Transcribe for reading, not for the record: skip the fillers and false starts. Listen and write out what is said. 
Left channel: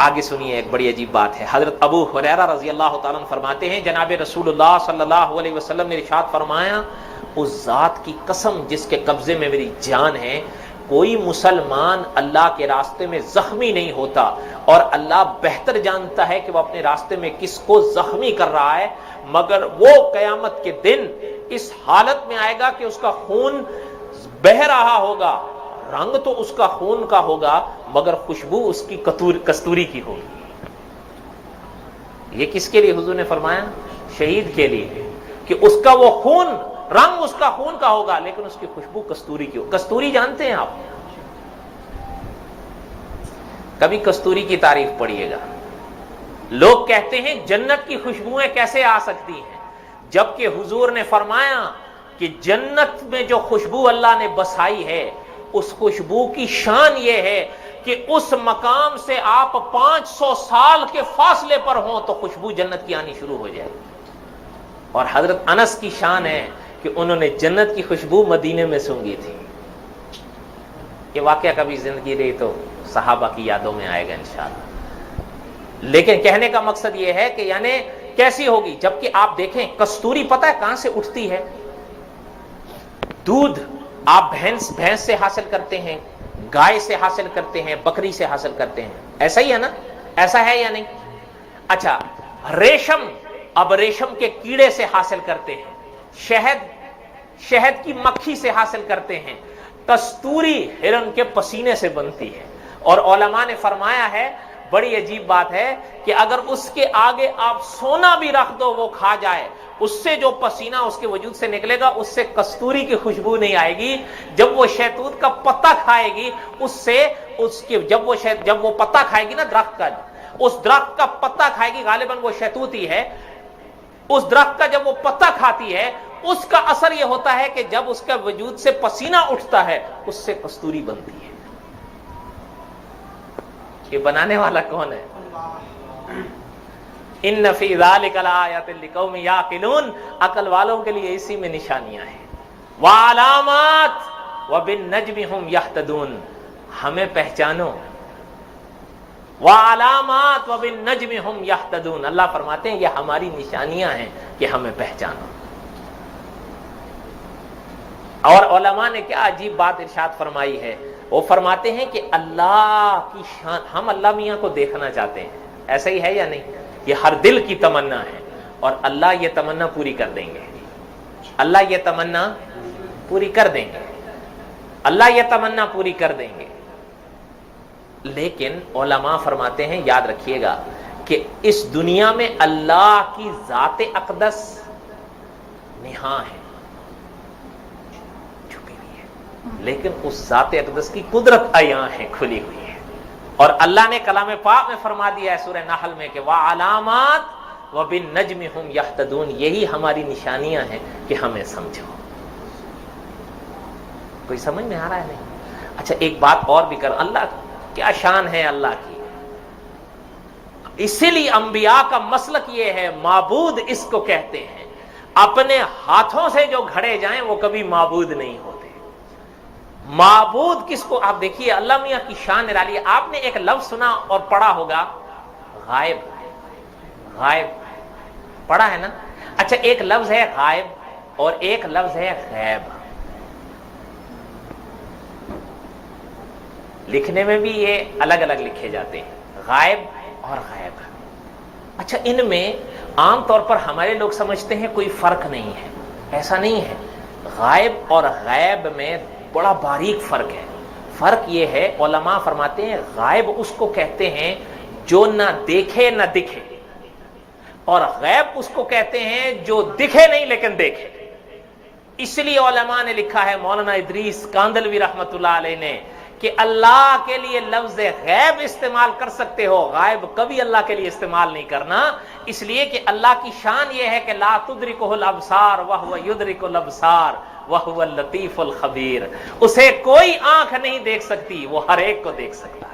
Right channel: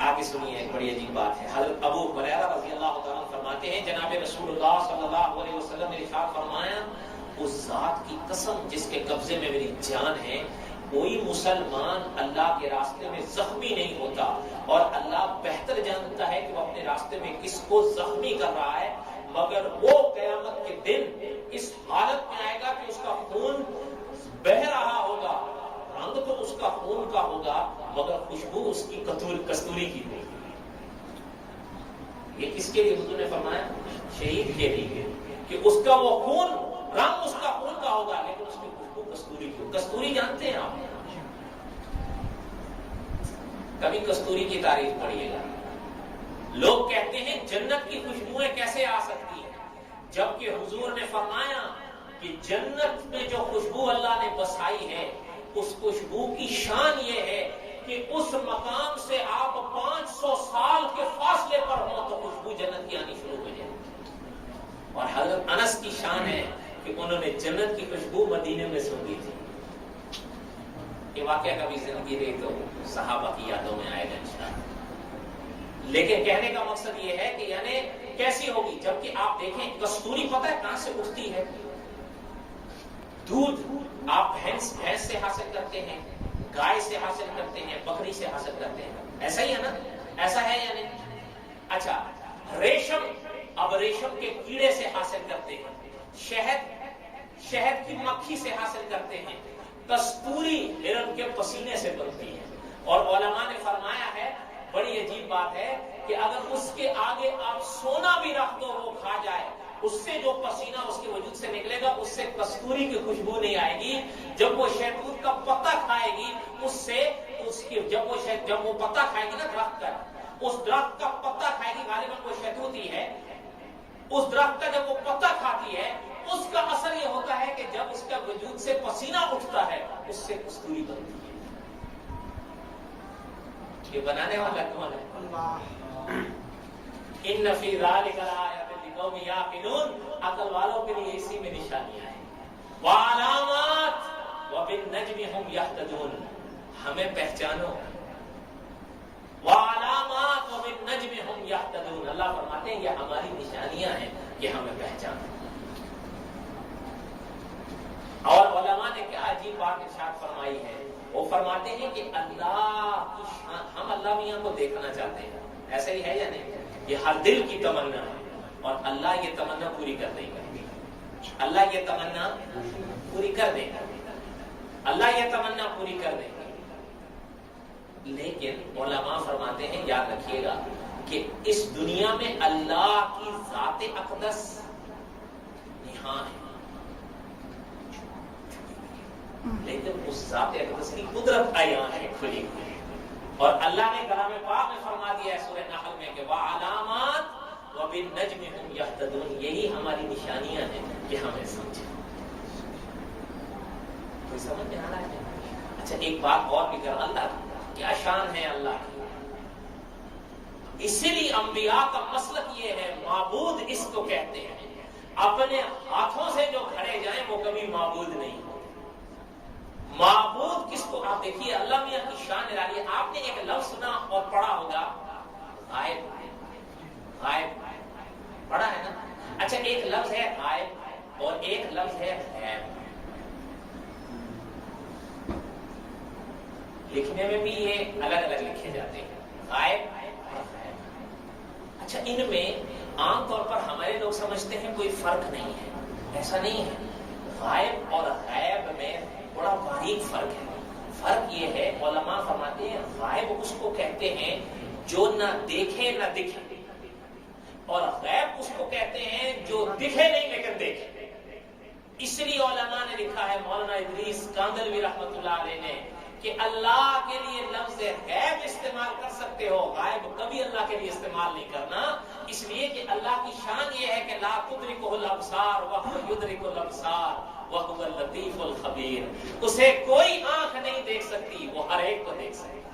آگے سنیے، ایک بڑی عجیب بات ہے. حضرت ابو ہریرہ رضی اللہ تعالیٰ عنہ فرماتے ہیں جناب رسول اللہ صلی اللہ علیہ وسلم نے ارشاد فرمایا، اس ذات کی قسم جس کے قبضے میں میری جان ہے، کوئی مسلمان اللہ کے راستے میں زخمی نہیں ہوتا، اور اللہ بہتر جانتا ہے کہ وہ اپنے راستے میں کس کو زخمی کر رہا ہے، مگر وہ قیامت کے دن اس حالت میں آئے گا کہ اس کا خون بہہ رہا ہوگا، رنگ تو اس کا خون کا ہوگا مگر خوشبو اس کی کستوری کی ہوگی. یہ کس کے لیے حضور نے فرمایا؟ شہید کے لیے، کہ اس کا وہ خون، رنگ اس کا خون کا ہوگا لیکن اس کی خوشبو کستوری کی ہوگی. کستوری جانتے ہیں آپ؟ کبھی کستوری کی تعریف پڑھیے گا. لوگ کہتے ہیں جنت کی خوشبوئیں کیسے آ سکتی ہیں، جبکہ حضور نے فرمایا کہ جنت میں جو خوشبو اللہ نے بسائی ہے، اس خوشبو کی شان یہ ہے کہ اس مقام سے آپ 500 سال کے فاصلے پر ہوں تو خوشبو جنت کی آنی شروع ہو جائے. اور حضرت انس کی شان ہے کہ انہوں نے جنت کی خوشبو مدینے میں سونگھی تھی. یہ واقعہ کبھی زندگی رہی تو صحابہ کی یادوں میں آئے گا انشاءاللہ. لیکن کہنے کا مقصد یہ ہے کہ یعنی کیسی ہوگی، جبکہ آپ دیکھیں کستوری پتہ ہے کہاں سے اٹھتی ہے؟ دودھ آپ بھینس سے حاصل کرتے ہیں، گائے سے حاصل کرتے ہیں، بکری سے حاصل کرتے ہیں، ایسا ہی ہے نا؟ ایسا ہے یا نہیں؟ اچھا، ریشم اب ریشم کے کیڑے سے حاصل کرتے ہیں، شہد کی مکھی سے حاصل کرتے ہیں، کستوری ہرن کے پسینے سے بنتی ہے. اور علماء نے فرمایا ہے، بڑی عجیب بات ہے کہ اگر اس کے آگے آپ سونا بھی رکھ دو وہ کھا جائے، اس سے جو پسینہ اس کے وجود سے نکلے گا اس سے کستوری کی خوشبو نہیں آئے گی. جب وہ شہتوت کا پتا کھائے گی جب وہ پتا کھائے گی نا درخت کا، اس درخت کا پتا کھائے گی، غالباً وہ شہتوت ہی ہے، اس درخت کا جب وہ پتا کھاتی ہے اس کا اثر یہ ہوتا ہے کہ جب اس کا وجود سے پسینہ اٹھتا ہے اس سے کستوری بنتی ہے. یہ بنانے والا کون ہے؟ ان فی ذلک لآیات لقوم یعقلون، عقل والوں کے لیے اسی میں نشانیاں ہیں. وعلامات وبالنجم هم یہتدون، ہمیں پہچانو. وعلامات وبالنجم هم یہتدون، اللہ فرماتے ہیں یہ ہماری نشانیاں ہیں کہ ہمیں پہچانو. اور علماء نے کیا عجیب بات ارشاد فرمائی ہے، وہ فرماتے ہیں کہ اللہ کی شان، ہم اللہ میاں کو دیکھنا چاہتے ہیں، ایسا ہی ہے یا نہیں؟ یہ ہر دل کی تمنا ہے اور اللہ یہ تمنا پوری کر دیں گے. اللہ یہ تمنا پوری کر دیں گے، اللہ یہ تمنا پوری کر دیں گے. لیکن علماء فرماتے ہیں یاد رکھیے گا کہ اس دنیا میں اللہ کی ذات اقدس نہاں ہے، چھپی ہوئی ہے، لیکن اس ذات اقدس کی قدرت عیاں ہے، کھلی ہوئی ہے. اور اللہ نے کلام پاک میں فرما دیا ہے سورہ نحل میں کہ وَعَلَامَاتٍ وَبِالنَّجْمِ هُمْ يَهْتَدُونَ، یہی ہماری نشانیاں ہیں کہ ہمیں سمجھو. کوئی سمجھ میں آ رہا ہے نہیں؟ اچھا ایک بات اور بھی کر، اللہ کیا شان ہے اللہ کی. اسی لیے انبیاء کا مسلک یہ ہے، معبود اس کو کہتے ہیں، اپنے ہاتھوں سے جو گھڑے جائیں وہ کبھی معبود نہیں ہوتے. معبود کس کو؟ آپ دیکھیے اللہ میاں کی شان نرالی ہے. آپ نے ایک لفظ سنا اور پڑھا ہوگا، غائب. غائب پڑھا ہے نا؟ اچھا ایک لفظ ہے غائب اور ایک لفظ ہے غیب. لکھنے میں بھی یہ الگ الگ لکھے جاتے ہیں، غائب اور غیب. اچھا ان میں عام طور پر ہمارے لوگ سمجھتے ہیں کوئی فرق نہیں ہے، ایسا نہیں ہے. غائب اور غیب میں بڑا باریک فرق ہے. فرق یہ ہے، علماء فرماتے ہیں غائب اس کو کہتے ہیں جو نہ دیکھے نہ دکھے، اور غیب اس کو کہتے ہیں جو دکھے نہیں لیکن دیکھے. اس لیے علماء نے لکھا ہے، مولانا ادریس کاندلوی رحمۃ اللہ علیہ نے، کہ اللہ کے لیے لفظ غیب استعمال کر سکتے ہو، غائب کبھی اللہ کے لیے استعمال نہیں کرنا. اس لیے کہ اللہ کی شان یہ ہے کہ لا تدرکہ الابصار وہو یدرک الابصار وہو اللطیف الخبیر، اسے کوئی آنکھ نہیں دیکھ سکتی، وہ ہر ایک کو دیکھ سکتا.